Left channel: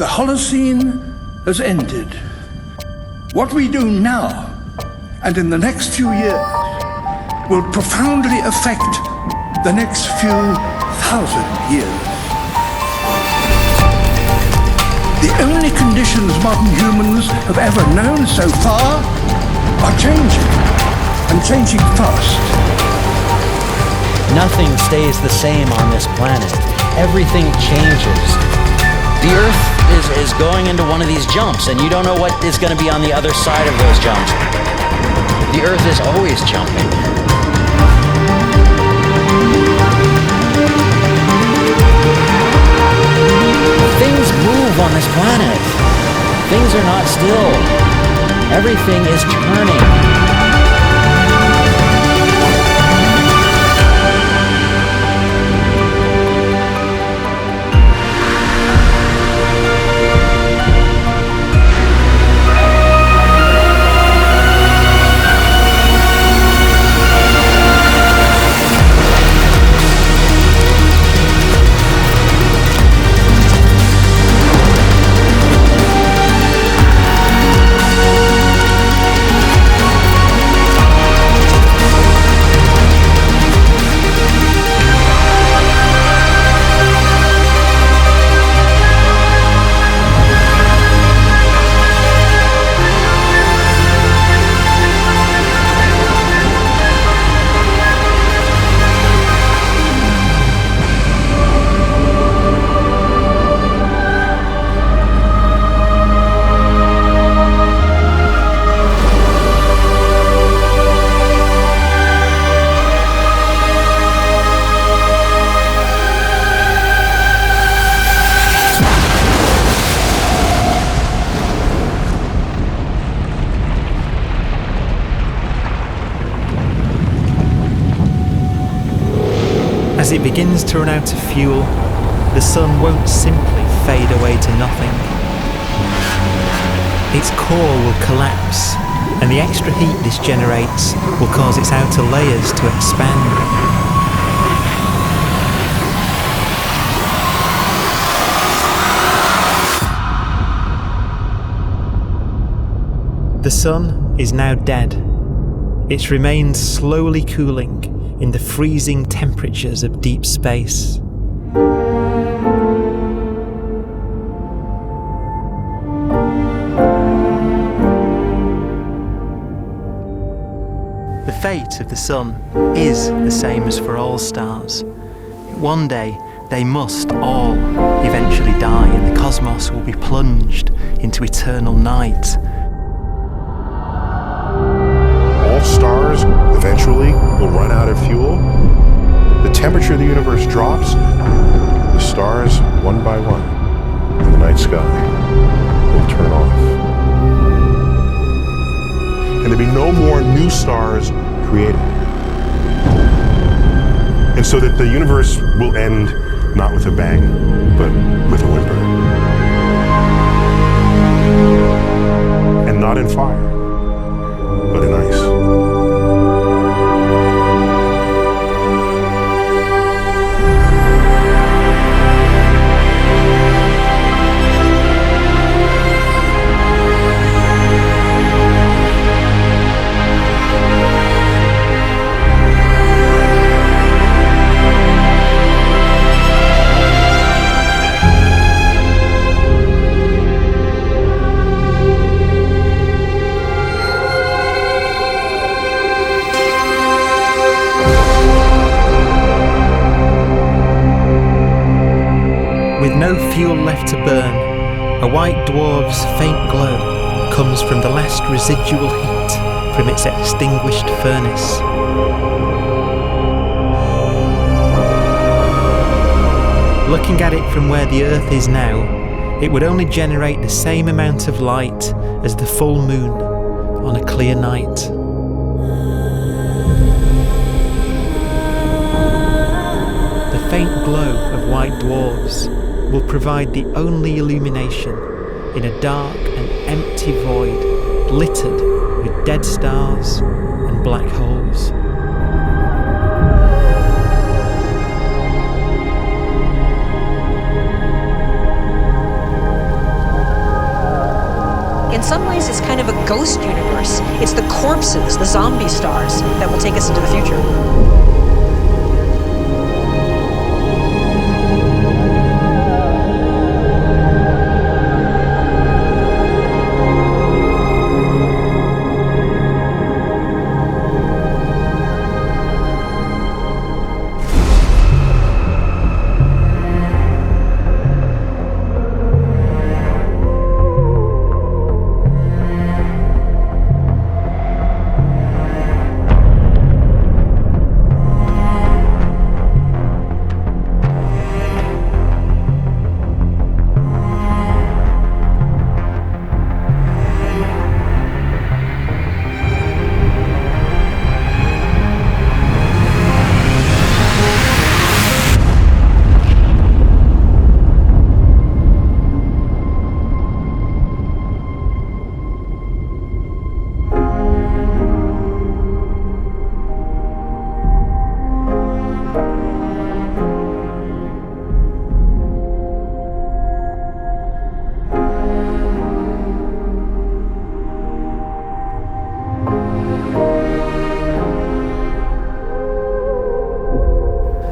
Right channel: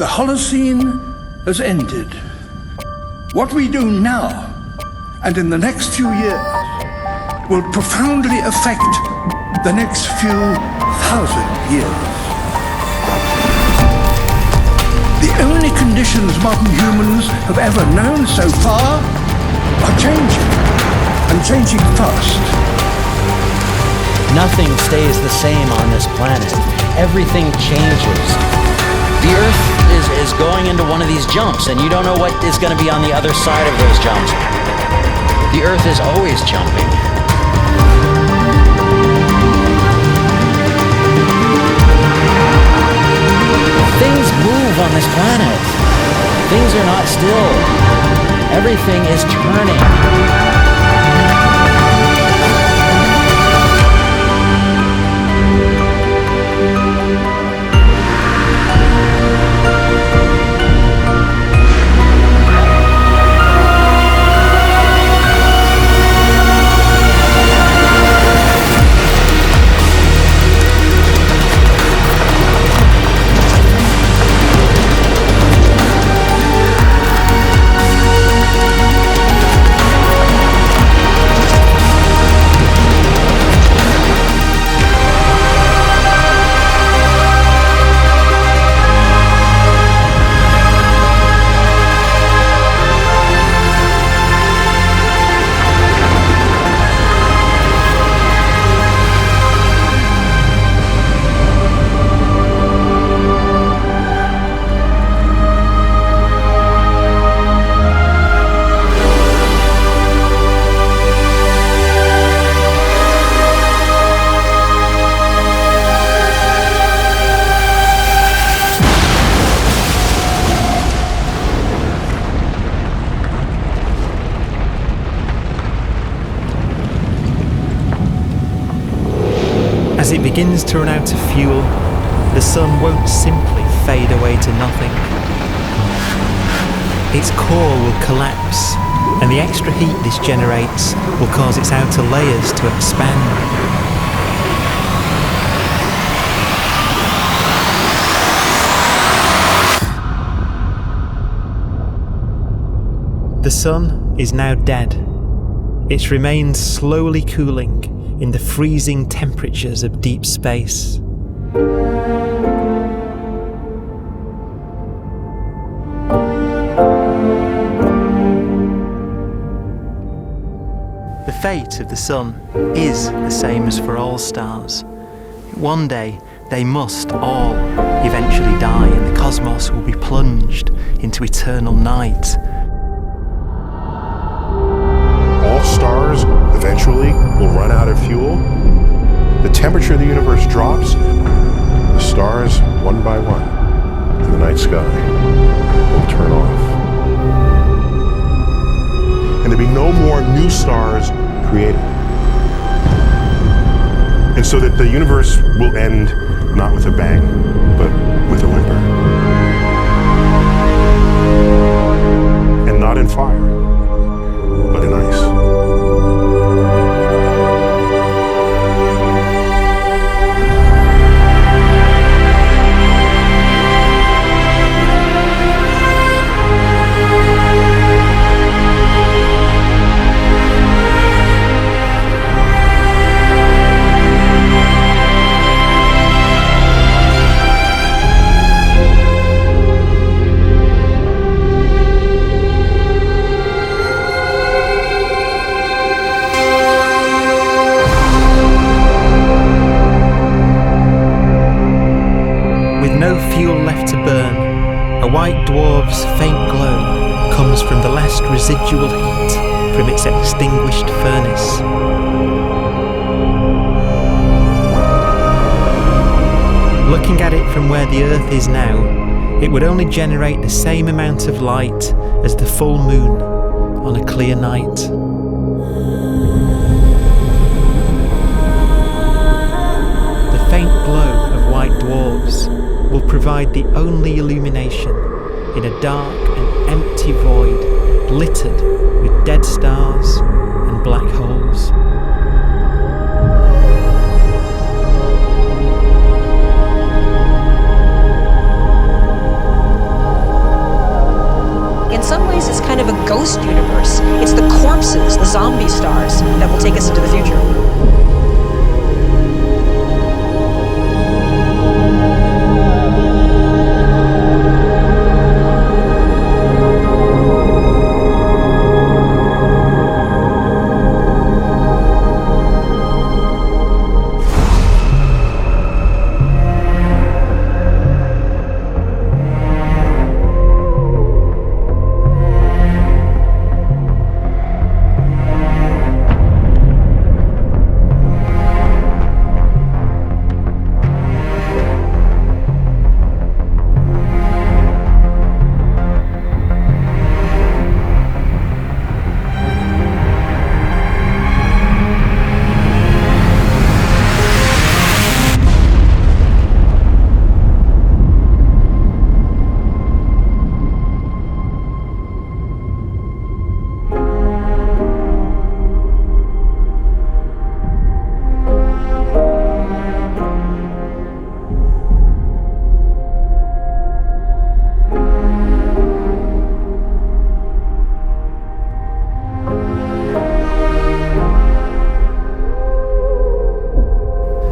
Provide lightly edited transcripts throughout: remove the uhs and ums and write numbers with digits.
The Holocene has ended. What we do now and in the next few years will profoundly affect the next few thousand years. The only conditions modern humans have ever known so far are changing, and changing fast. Nothing stays the same on this planet. Everything changes. The Earth is going into one of these jumps, and you don't know what is going to be on the other side of those jumps. The Earth is always jumping. Things move on this planet. Things are not still. Everything is turning. As it begins to run out of fuel, the sun won't simply fade away to nothing. Its core will collapse, and the extra heat this generates will cause its outer layers to expand. The sun is now dead. Its remains slowly cooling in the freezing temperatures of deep space. The fate of the sun is the same as for all stars. One day they must all eventually die, and the cosmos will be plunged into eternal night. All stars eventually will run out of fuel. The temperature of the universe drops. The stars, one by one, in the night sky will turn off. And there'll be no more new stars created. And so that the universe will end not with a bang, but with a whimper. And not in fire, but in ice. With no fuel left to burn, a white dwarf's faint glow comes from the last residual heat from its extinguished furnace. Looking at it from where the Earth is now, it would only generate the same amount of light as the full moon on a clear night. The faint glow of white dwarfs will provide the only illumination in a dark and empty void littered with dead stars and black holes. ways, it's kind of a ghost universe. It's the corpses, the zombie stars, that will take us into the future.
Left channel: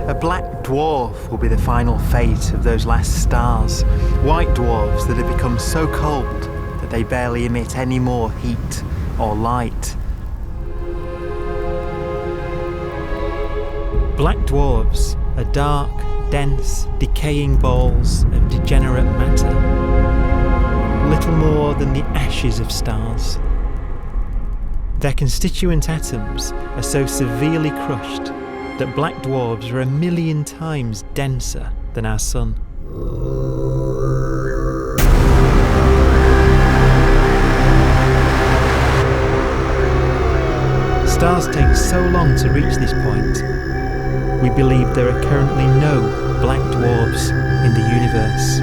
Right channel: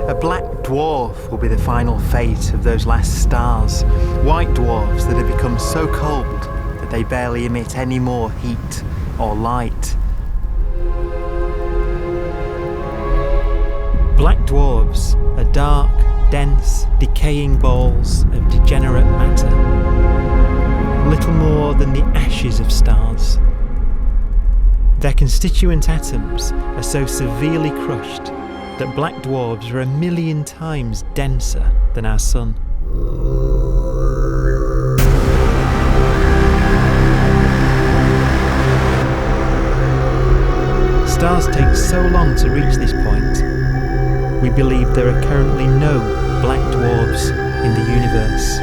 A black dwarf will be the final fate of those last stars. White dwarfs that have become so cold that they barely emit any more heat or light. Black dwarfs are dark, dense, decaying balls of degenerate matter, little more than the ashes of stars. Their constituent atoms are so severely crushed that black dwarfs are 1,000,000 times denser than our sun. Stars take so long to reach this point. We believe there are currently no black dwarfs in the universe.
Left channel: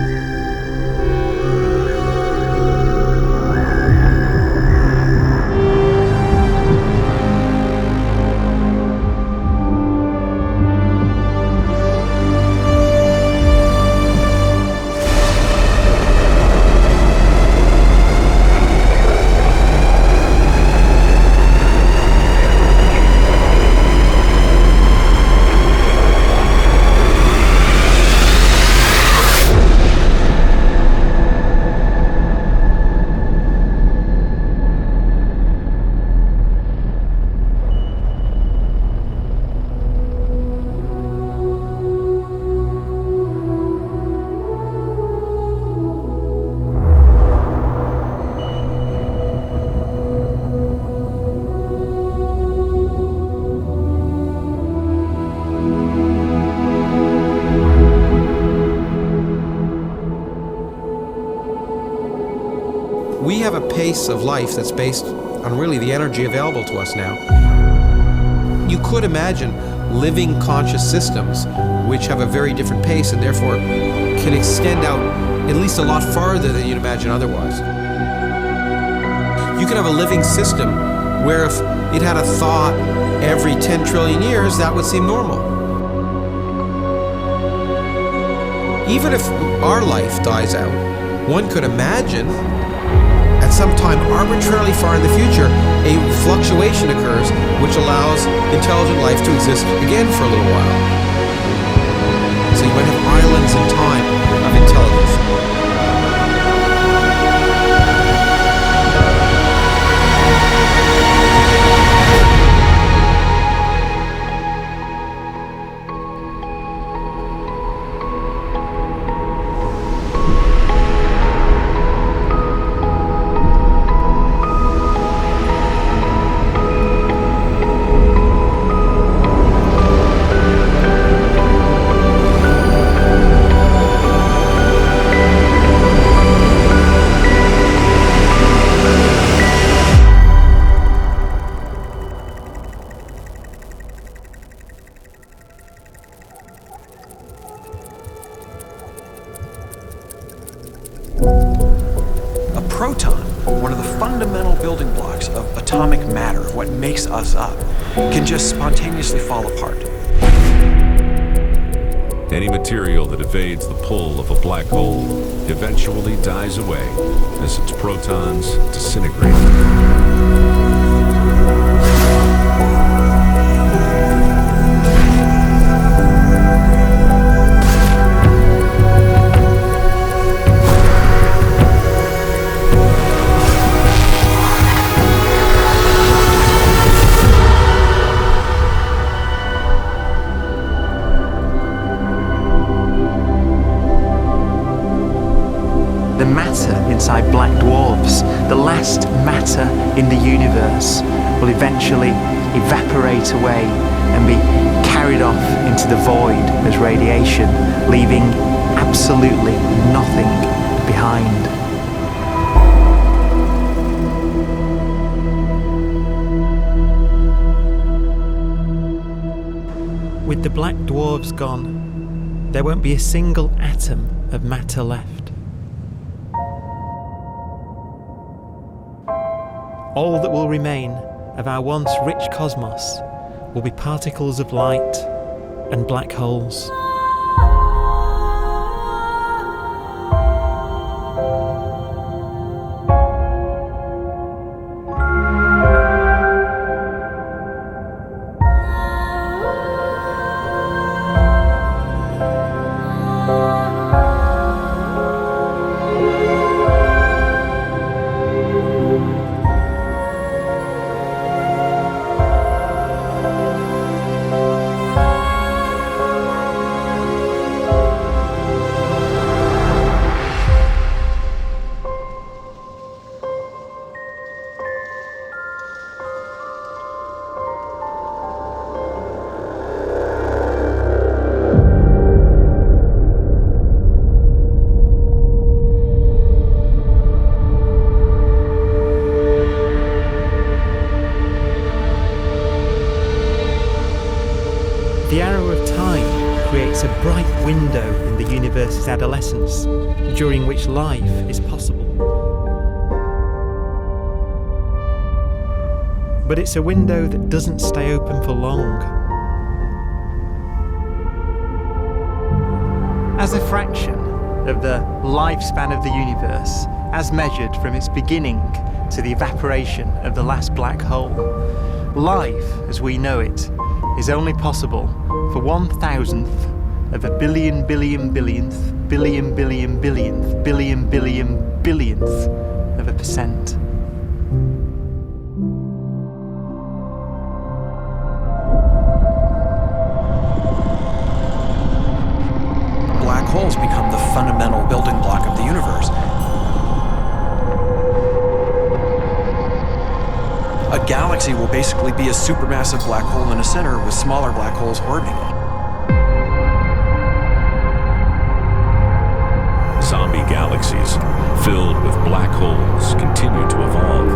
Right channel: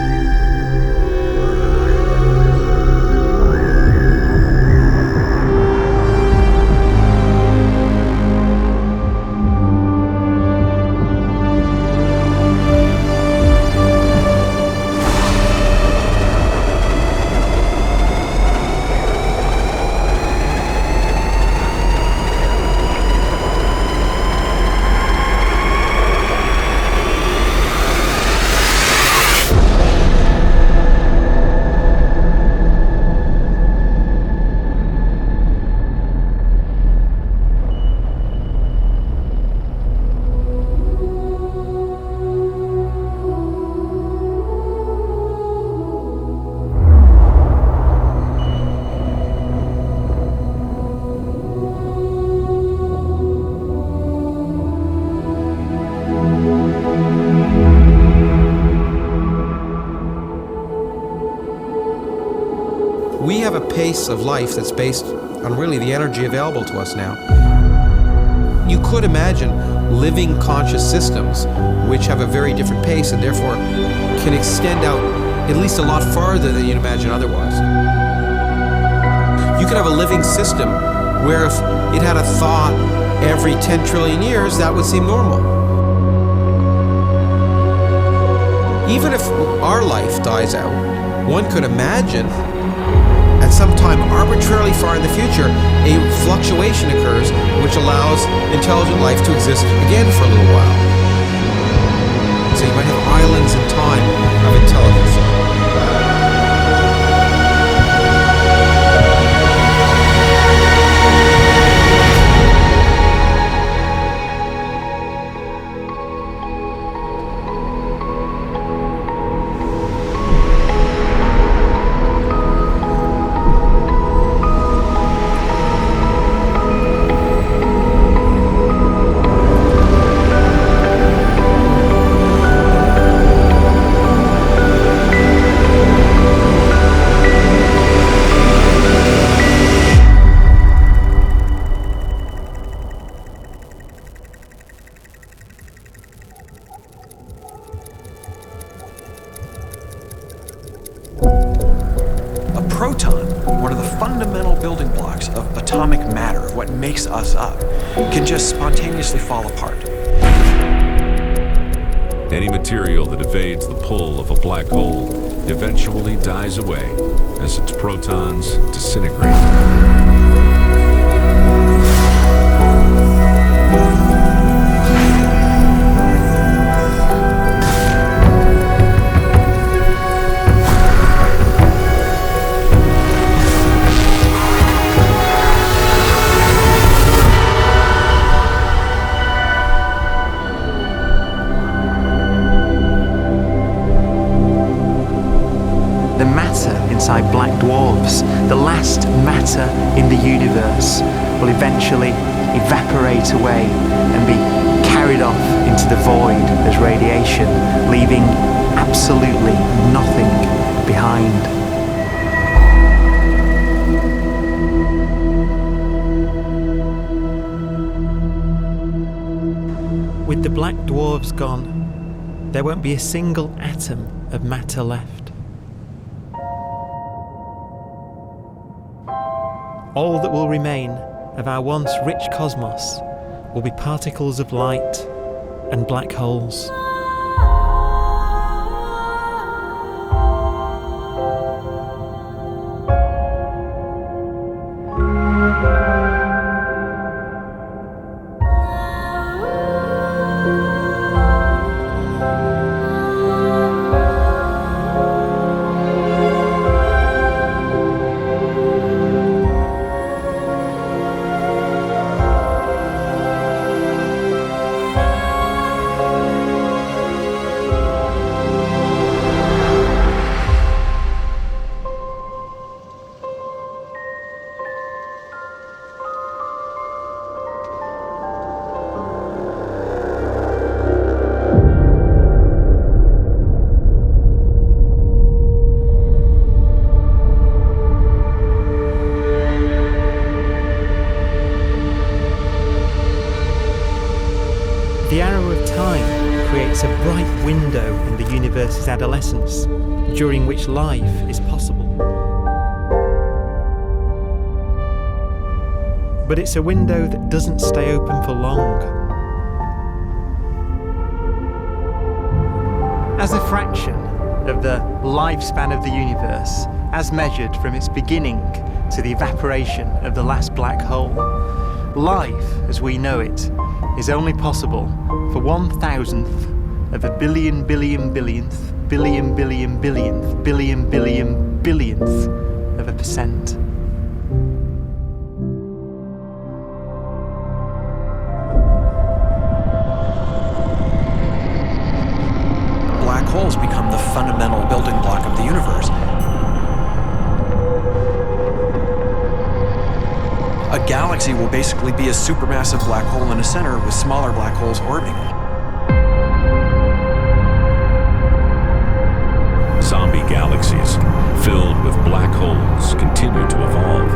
We have a pace of life that's based on really the energy available to us now. You could imagine living conscious systems which have a very different pace and therefore can extend out at least a lot farther than you'd imagine otherwise. You could have a living system where if it had a thought every 10 trillion years, that would seem normal. Even if our life dies out, one could imagine at some time arbitrarily far in the future, a fluctuation occurs which allows intelligent life to exist again for a little while. So you might have islands in time of intelligence. Proton, one of the fundamental building blocks of atomic matter, of what makes us up, can just spontaneously fall apart. Any material that evades the pull of a black hole eventually dies away. as its protons disintegrate. The matter inside black dwarfs, the last matter in the universe, will eventually evaporate away and be carried off into the void as radiation, leaving absolutely nothing behind. With the black dwarfs gone, there won't be a single atom of matter left. All that will remain of our once rich cosmos will be particles of light and black holes. The arrow of time creates a bright window in the universe's adolescence, during which life is possible. But it's a window that doesn't stay open for long. As a fraction of the lifespan of the universe, as measured from its beginning to the evaporation of the last black hole, life, as we know it, is only possible for 1,000th of a billion billionth billion billionth billion billion billionth of a percent. Black holes become the fundamental building block of the universe. A galaxy will basically be a supermassive black hole in a center with smaller black holes orbiting it. Zombie galaxies filled with black holes continue to evolve.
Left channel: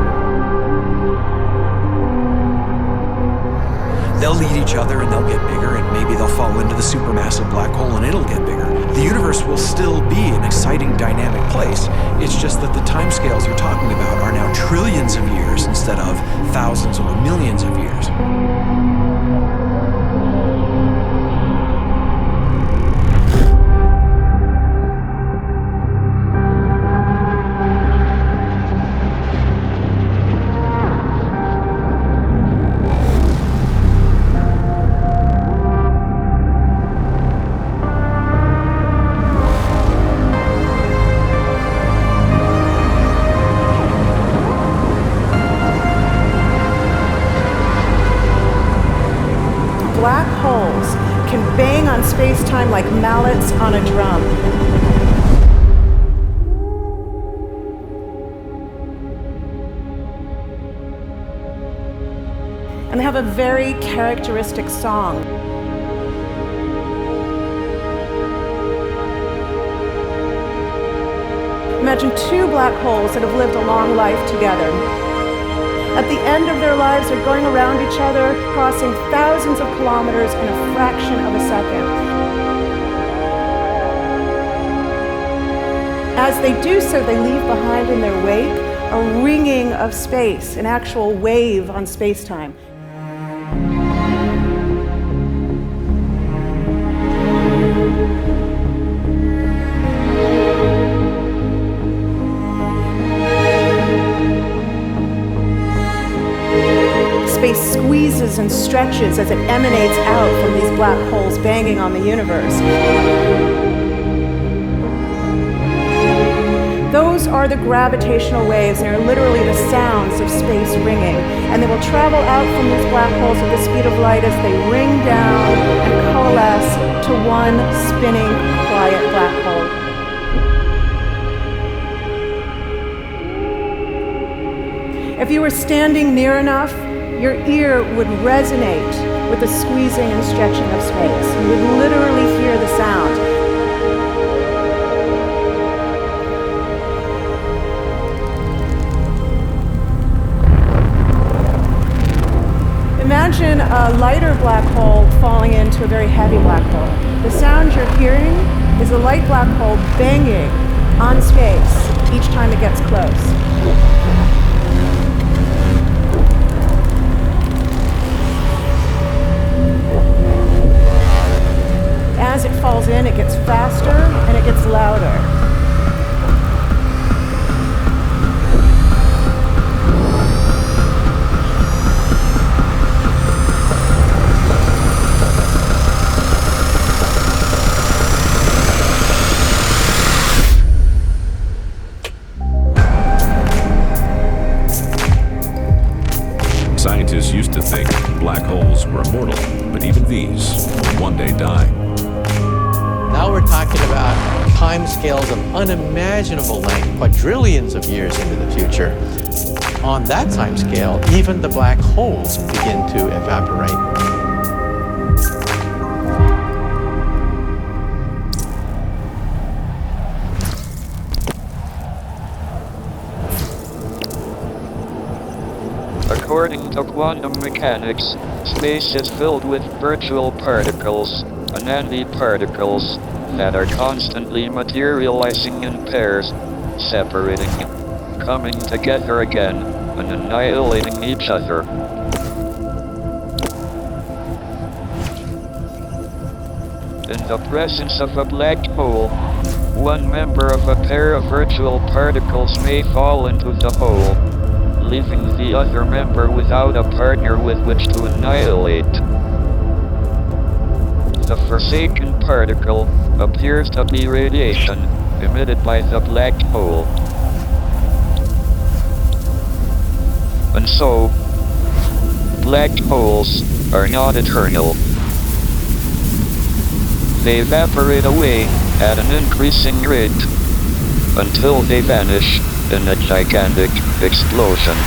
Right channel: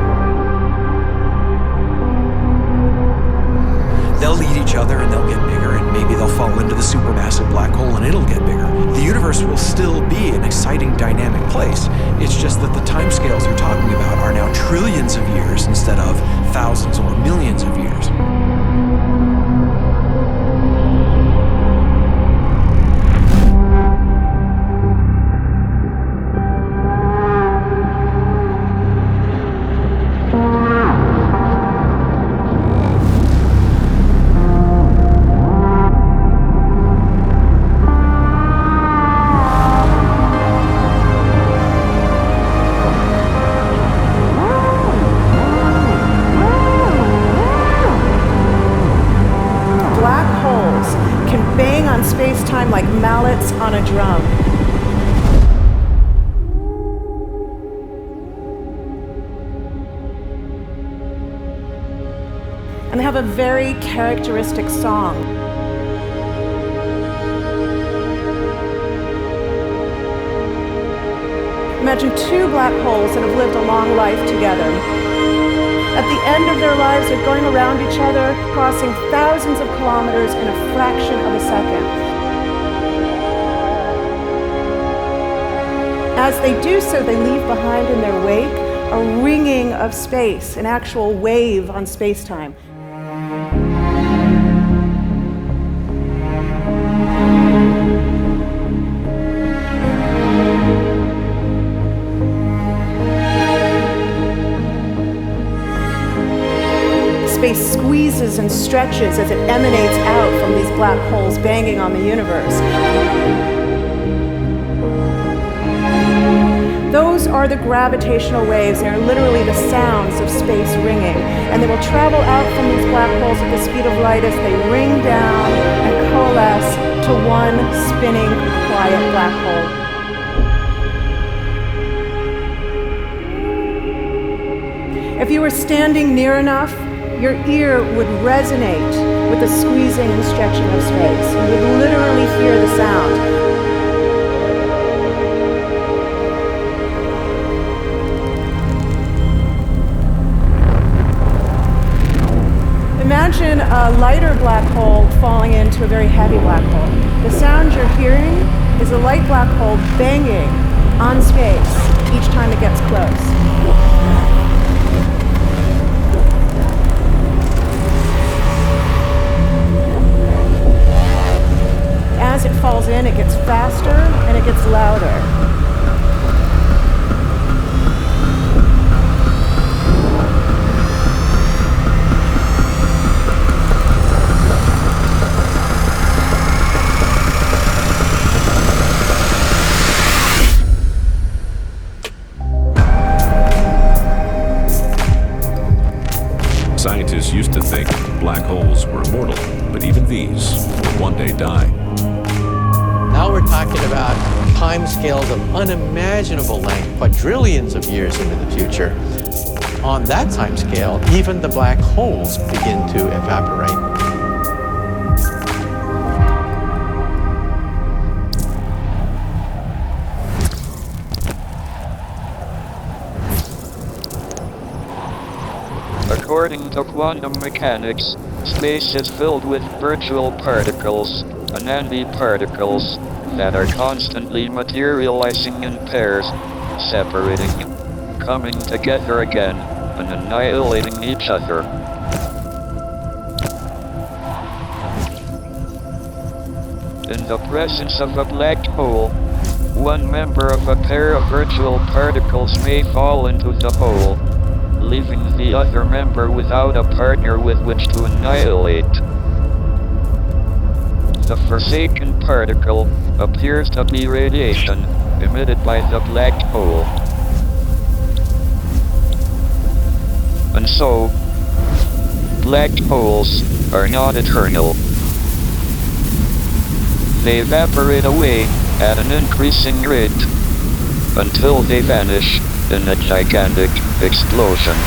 They'll eat each other and they'll get bigger, and maybe they'll fall into the supermassive black hole and it'll get bigger. The universe will still be an exciting, dynamic place. It's just that the timescales you're talking about are now trillions of years instead of thousands or millions of years. Black holes can bang on space-time like mallets on a drum. And they have a very characteristic song. Imagine two black holes that have lived a long life together. At the end of their lives, they're going around each other, crossing thousands of kilometers in a fraction of a second. As they do so, they leave behind in their wake a ringing of space, an actual wave on space-time. squeezes and stretches as it emanates out from these black holes banging on the universe. Those are the gravitational waves. They're literally the sounds of space ringing. And they will travel out from these black holes at the speed of light as they ring down and coalesce to one spinning, quiet black hole. If you were standing near enough, your ear would resonate with the squeezing and stretching of space. You would literally hear the sound. Imagine a lighter black hole falling into a very heavy black hole. The sound you're hearing is a light black hole banging on space each time it gets close. As it falls in, it gets faster and it gets louder. Scientists used to think black holes were immortal, but even these will one day die. Now we're talking about timescales of unimaginable length, quadrillions of years into the future. On that timescale, even the black holes begin to evaporate. According to quantum mechanics, space is filled with virtual particles, antiparticles, that are constantly materializing in pairs, separating, coming together again, and annihilating each other. In the presence of a black hole, one member of a pair of virtual particles may fall into the hole, leaving the other member without a partner with which to annihilate. The forsaken particle appears to be radiation emitted by the black hole. And so, black holes are not eternal. They evaporate away at an increasing rate until they vanish in a gigantic explosion.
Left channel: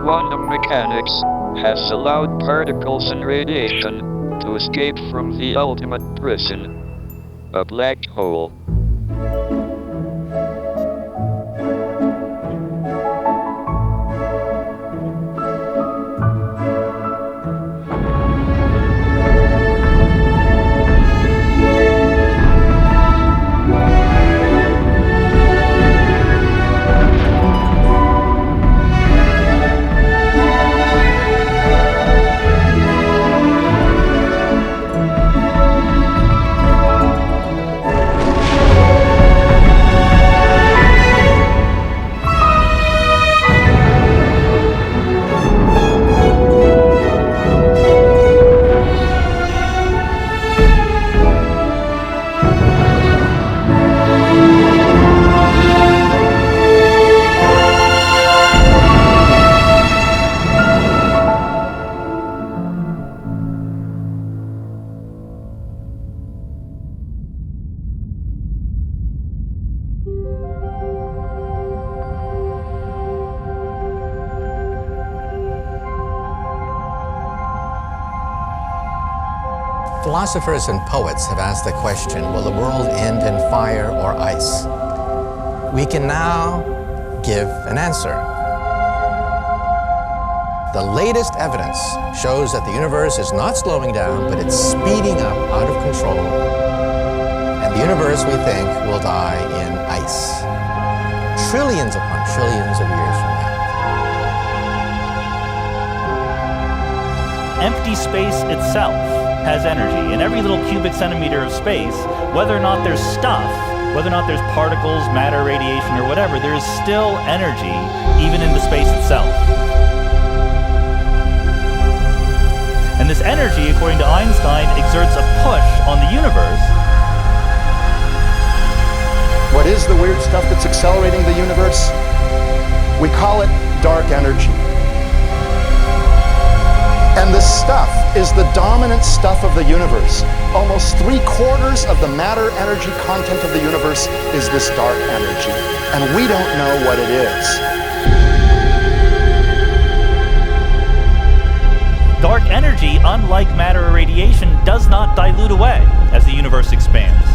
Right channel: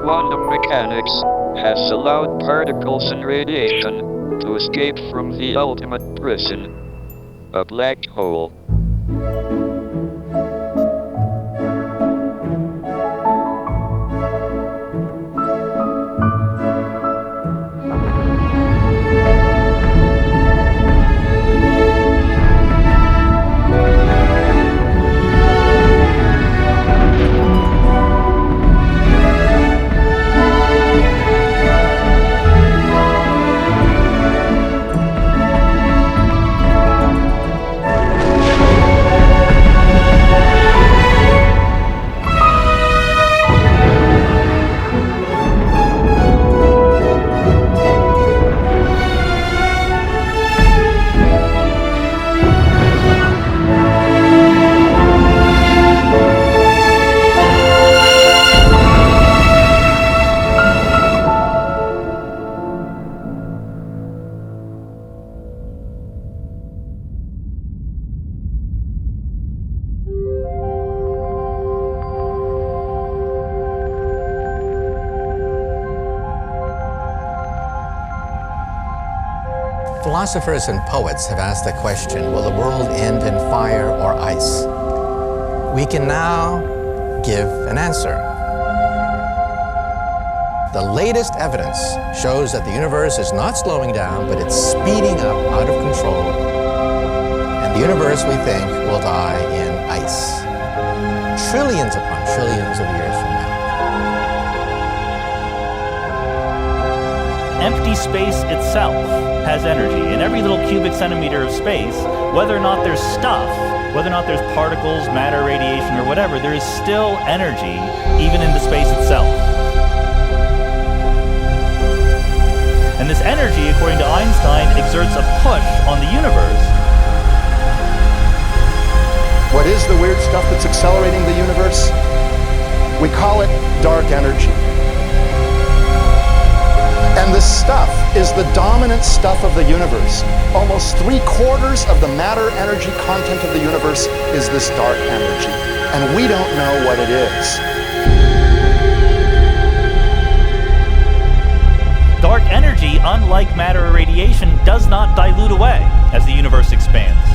Quantum mechanics has allowed particles and radiation to escape from the ultimate prison, a black hole. Philosophers and poets have asked the question, will the world end in fire or ice? We can now give an answer. The latest evidence shows that the universe is not slowing down, but it's speeding up out of control. And the universe, we think, will die in ice. Trillions upon trillions of years from now. Empty space itself has energy. In every little cubic centimeter of space, whether or not there's stuff whether or not there's particles, matter, radiation, or whatever, there is still energy, even in the space itself. And this energy, according to Einstein, exerts a push on the universe. What is the weird stuff that's accelerating the universe? We call it dark energy. And this stuff is the dominant stuff of the universe. Almost 3/4 of the matter-energy content of the universe is this dark energy. And we don't know what it is. Dark energy, unlike matter or radiation, does not dilute away as the universe expands.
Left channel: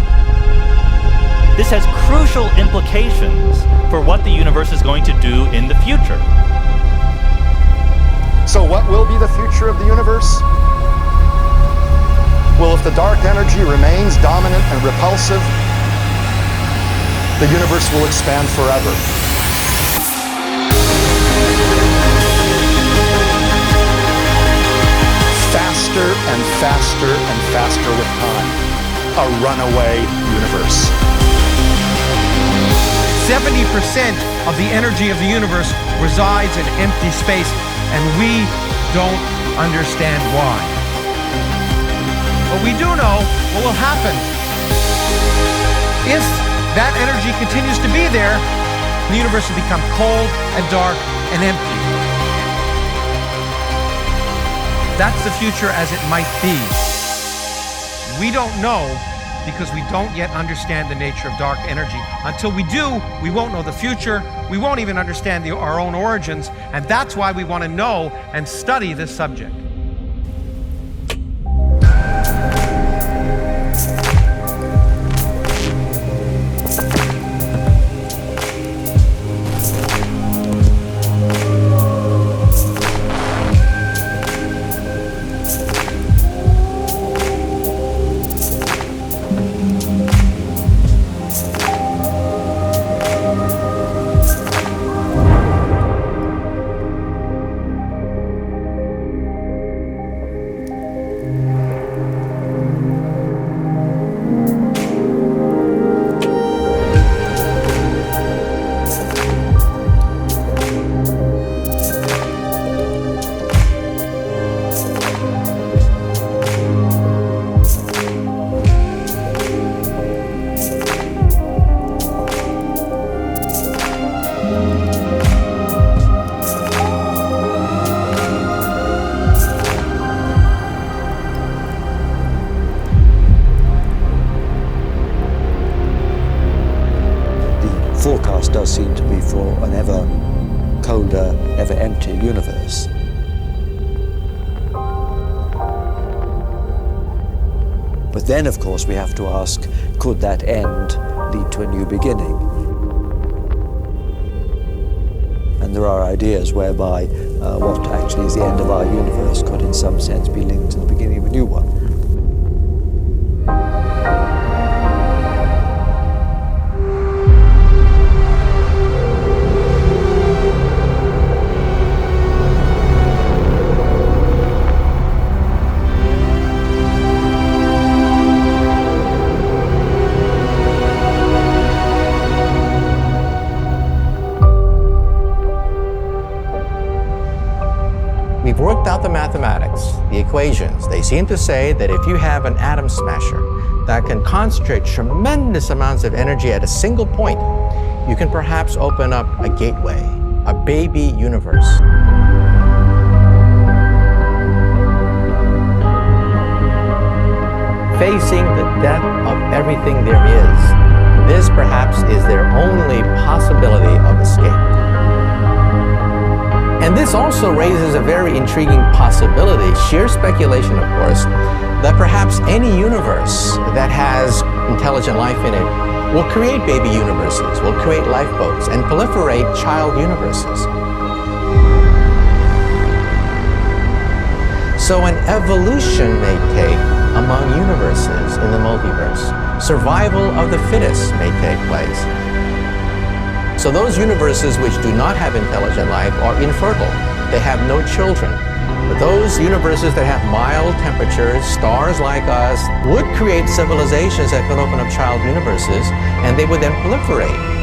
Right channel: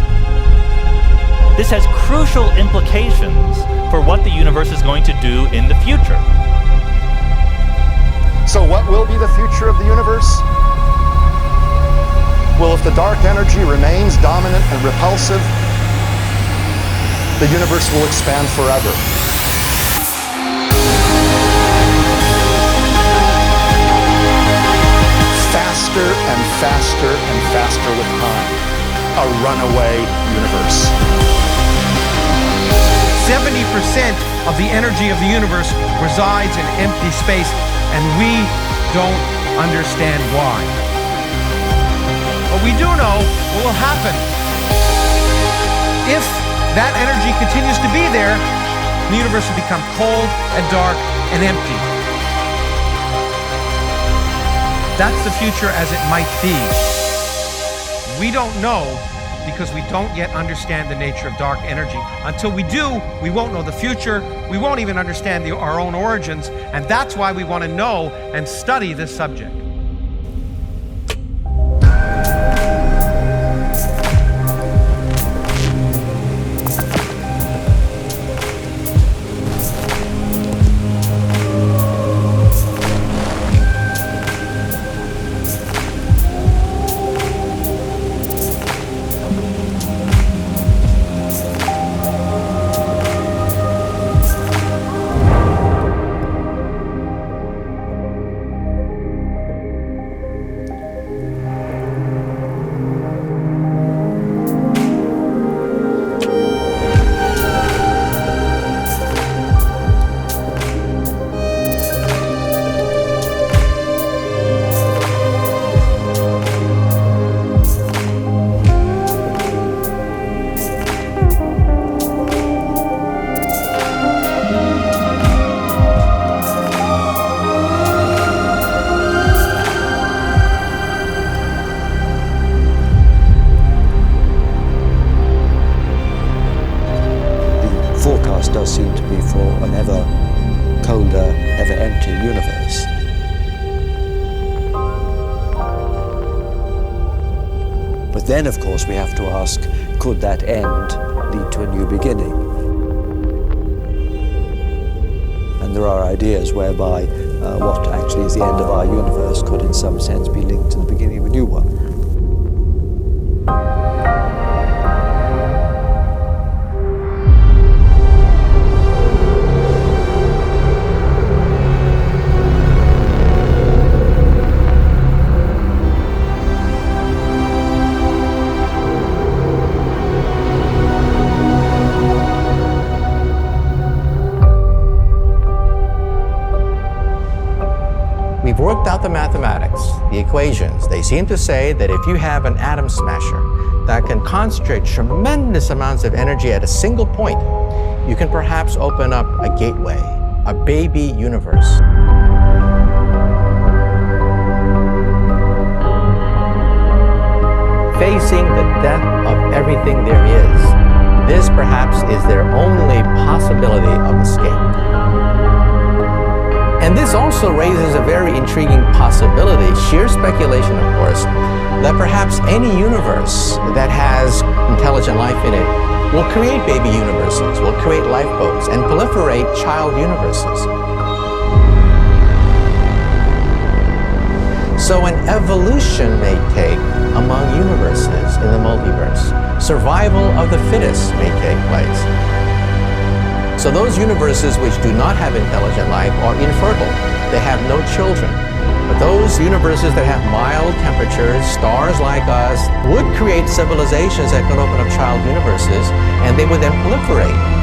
This has crucial implications for what the universe is going to do in the future. So what will be the future of the universe? Well, if the dark energy remains dominant and repulsive, the universe will expand forever. Faster and faster and faster with time. A runaway universe. 70% of the energy of the universe resides in empty space, and we don't understand why. But we do know what will happen. If that energy continues to be there, the universe will become cold and dark and empty. That's the future as it might be. We don't know because we don't yet understand the nature of dark energy. Until we do, we won't know the future. We won't even understand our own origins, and that's why we want to know and study this subject. Forecast does seem to be for an ever colder, ever emptier universe. But then, of course, we have to ask, could that end lead to a new beginning? And there are ideas whereby what actually is the end of our universe could in some sense be linked to the beginning of a new one. We've worked out the mathematics, the equations. They seem to say that if you have an atom smasher that can concentrate tremendous amounts of energy at a single point, you can perhaps open up a gateway, a baby universe. Facing the death of everything there is, this perhaps is their only possibility of escape. And this also raises a very intriguing possibility, sheer speculation of course, that perhaps any universe that has intelligent life in it will create baby universes, will create lifeboats, and proliferate child universes. So an evolution may take among universes in the multiverse. Survival of the fittest may take place. So those universes which do not have intelligent life are infertile. They have no children. But those universes that have mild temperatures, stars like us, would create civilizations that could open up child universes, and they would then proliferate.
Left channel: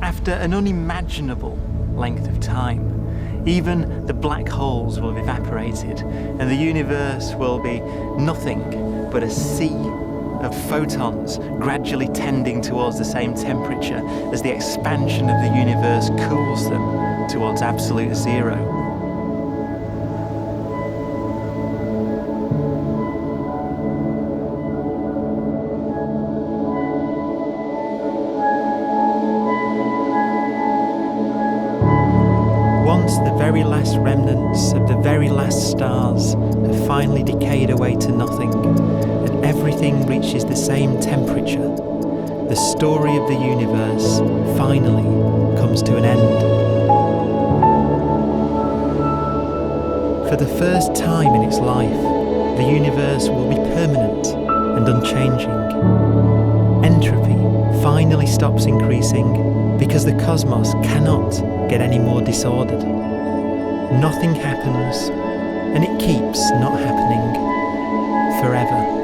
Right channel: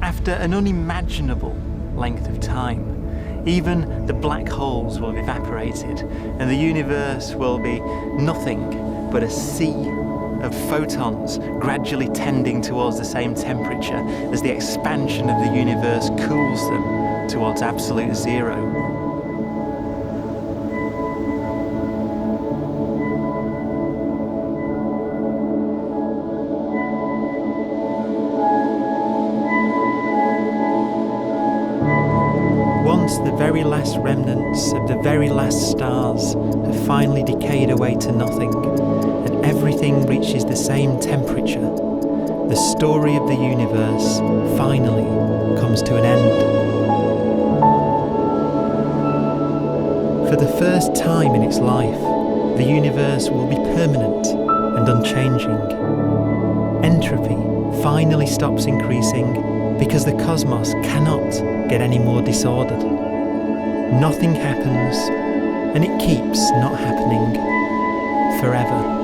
After an unimaginable length of time, even the black holes will have evaporated and the universe will be nothing but a sea of photons gradually tending towards the same temperature as the expansion of the universe cools them towards absolute zero. Once the very last remnants of the very last stars have finally decayed away to nothing, and everything reaches the same temperature, the story of the universe finally comes to an end. For the first time in its life, the universe will be permanent and unchanging. Entropy finally stops increasing because the cosmos cannot get any more disordered. Nothing happens, and it keeps not happening forever.